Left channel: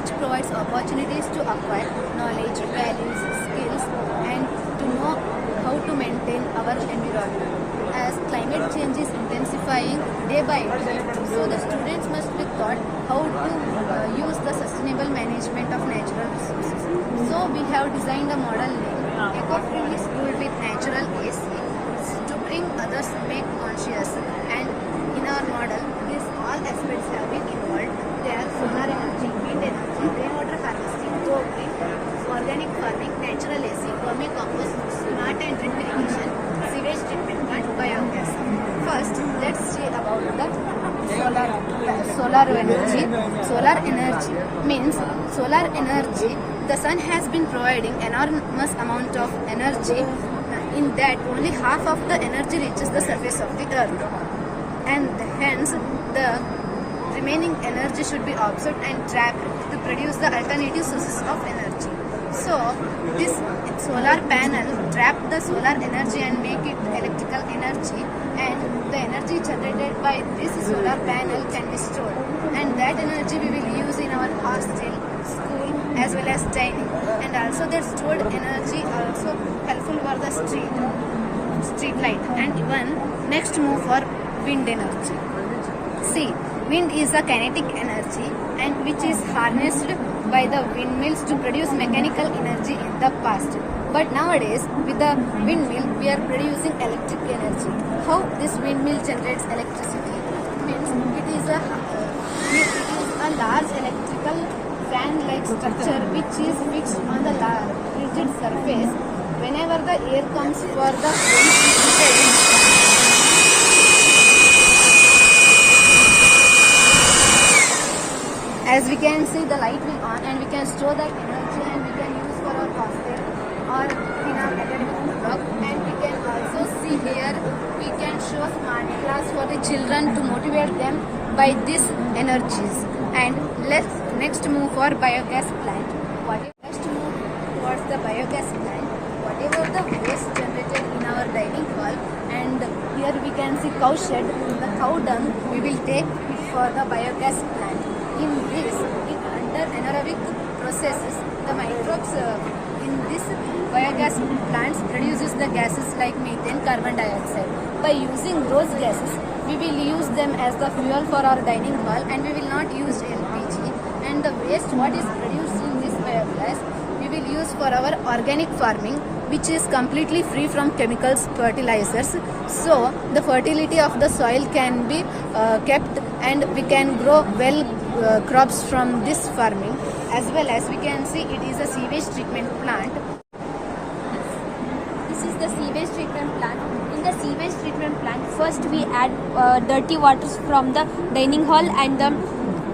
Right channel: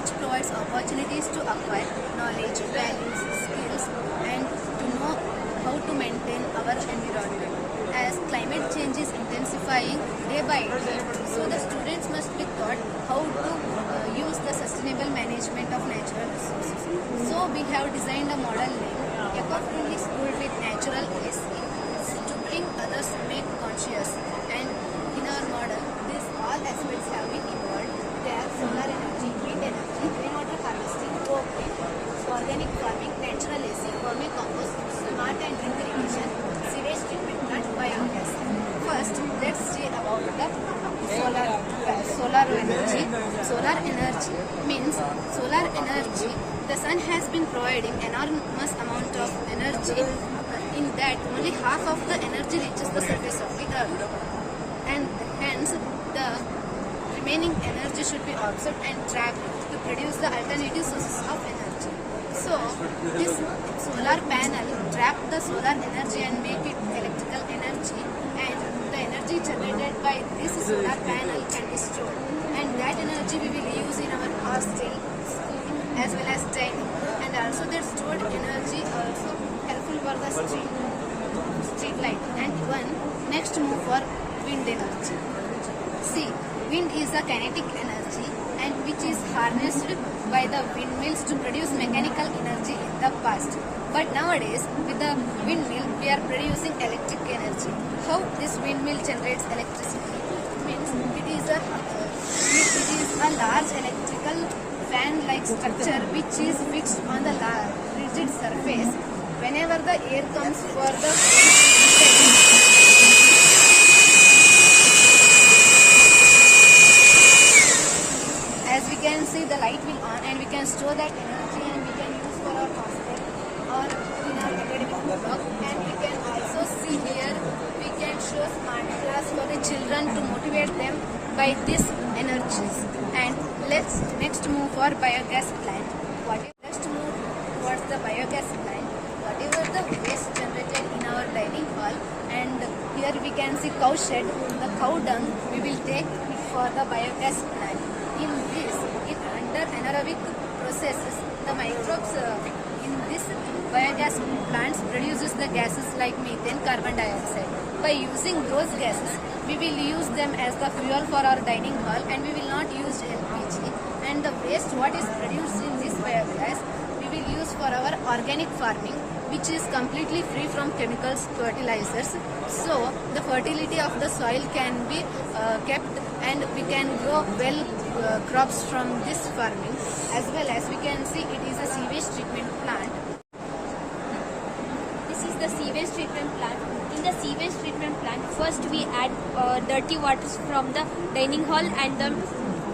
which provides opportunities to acquire knowledge, values, skills, and to know how to maintain our environment. As climate change is intensifying day by day, so the students must be taught how to use the sustainable management of natural resources. So we have designed a model named Eco-Friendly School with Natural AC to bring others made conscious. And in our model, these all aspects have been involved. They are solar energy, wind energy, rainwater harvesting, co-green, organic farming, natural AC, vermicompost, smart and drip irrigation, sewage treatment plant, biogas. First, let's see about the solar energy. Solar energy means solar energy. The sun has been providing enormous amount of energy. In that, only half of the energy reaches the surface of the earth, and hence the remaining energy should be absorbed and trapped to produce the alternative sources of energy. So this solar panel trap the solar energy and make it electrical energy, and the energy generated by this solar panel can be stored, and that energy we will use in our hostel, school as well as dining. And also their stored energy also helpful for the street light. And even next move for wind energy. See, wind is a kinetic energy and which is harnessed by the windmills to produce mechanical energy in the past. But nowadays, with the windmill, we are producing electric energy. How this windmill generates electricity? Means it is a large electrical fan-like structure which is fixed on the rigid surface. Whenever the air comes for the as we can see, the light will on and we can store that energy and we can use for our hostel or in our academic block. And we can also see here, we can show smart class for the children to motivate them by these energies. And let's next move for biogas plant. Let's move towards the biogas plant. Whatever the waste generated in our dining hall, and here we can see cow shed, the cow dung, we will take it for the biogas plant. In this, under anaerobic processes, the microbes in this biogas plants produces the gases like methane, carbon dioxide. By using those gases, we will use them as the fuel for our dining hall, and we will not use LPG. And the waste what is produced in this biogas, we will use for our organic farming, which is completely free from chemicals, fertilizers. So the fertility of the soil can be kept, and we can grow crops from this farming. As well as we can see, it is a sewage treatment plant. This is the sewage treatment plant. In the sewage treatment plant, first we add dirty waters from the dining hall and the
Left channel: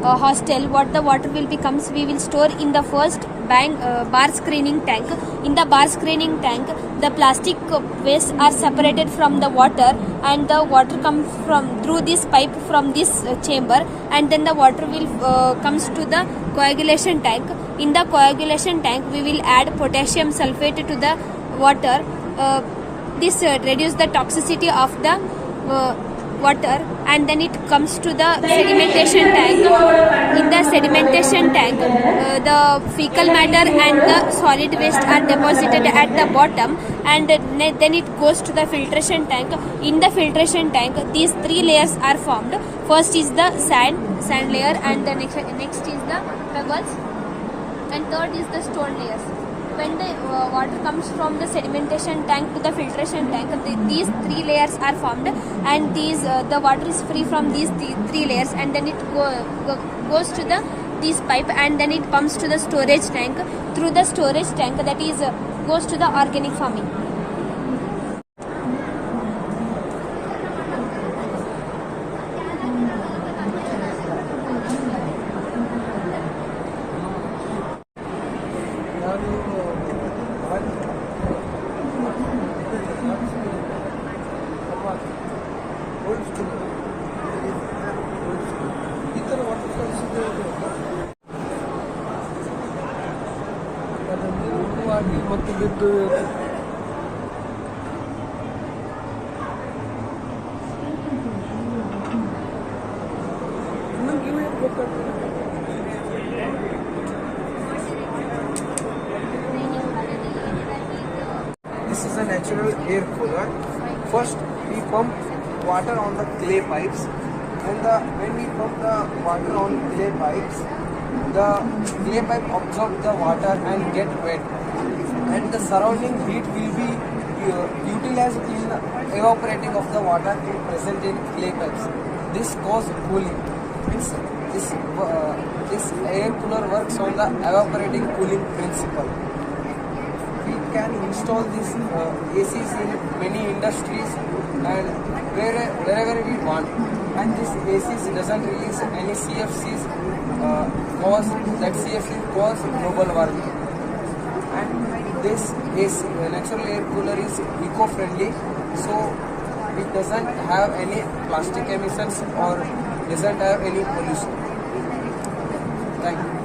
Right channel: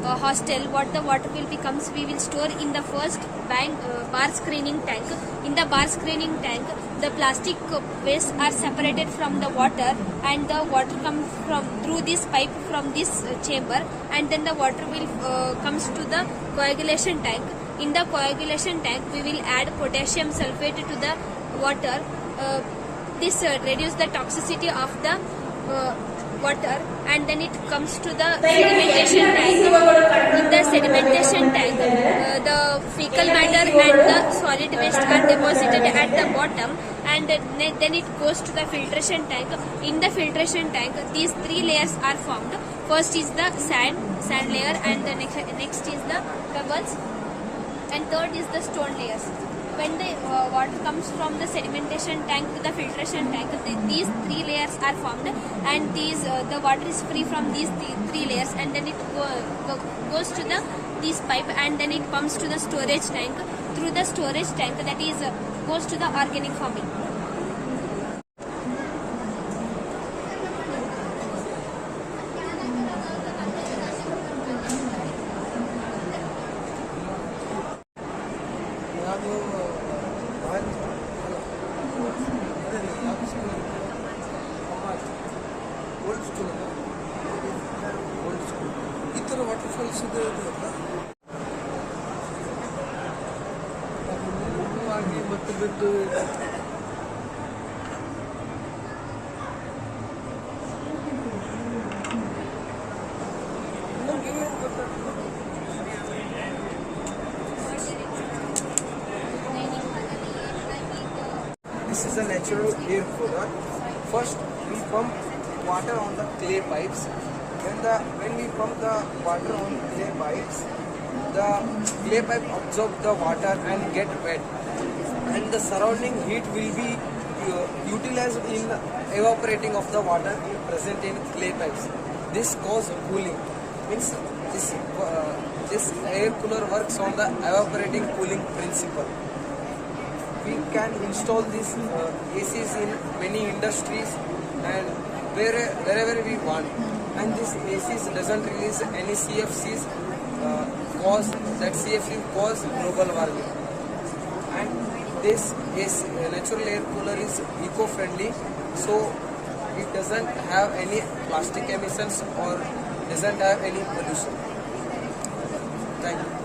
hostel. What the water will becomes, we will store in the first bar screening tank. In the bar screening tank, the plastic waste are separated from the water, and the water comes from through this pipe from this chamber, and then the water will comes to the coagulation tank. In the coagulation tank, we will add potassium sulfate to the water. This reduce the toxicity of the water, and then it comes to the sedimentation tank. In the sedimentation tank, the fecal matter and the solid waste are deposited at the bottom, and then it goes to the filtration tank. In the filtration tank, these three layers are formed. First is the sand layer, and the next is the pebbles, and third is the stone layers. When the water comes from the sedimentation tank to the filtration tank, these three layers are formed, and the water is free from these three layers, and then it goes to this pipe, and then it pumps to the storage tank. Through the storage tank, that is goes to the organic farming. This is a natural air cooler. First, we pump water on the clay pipes. When we pump the water on clay pipes, the clay pipe absorbs the water and get wet, and the surrounding heat will be utilized in evaporating of the water present in clay pipes. This causes cooling. Means this air cooler works on the evaporating cooling principle. We can install these ACs in many industries and wherever we want. And this ACs doesn't release any CFCs CFC cause global warming. And this natural air cooler is eco-friendly, so it doesn't have any plastic emissions or doesn't have any pollution. Thank you.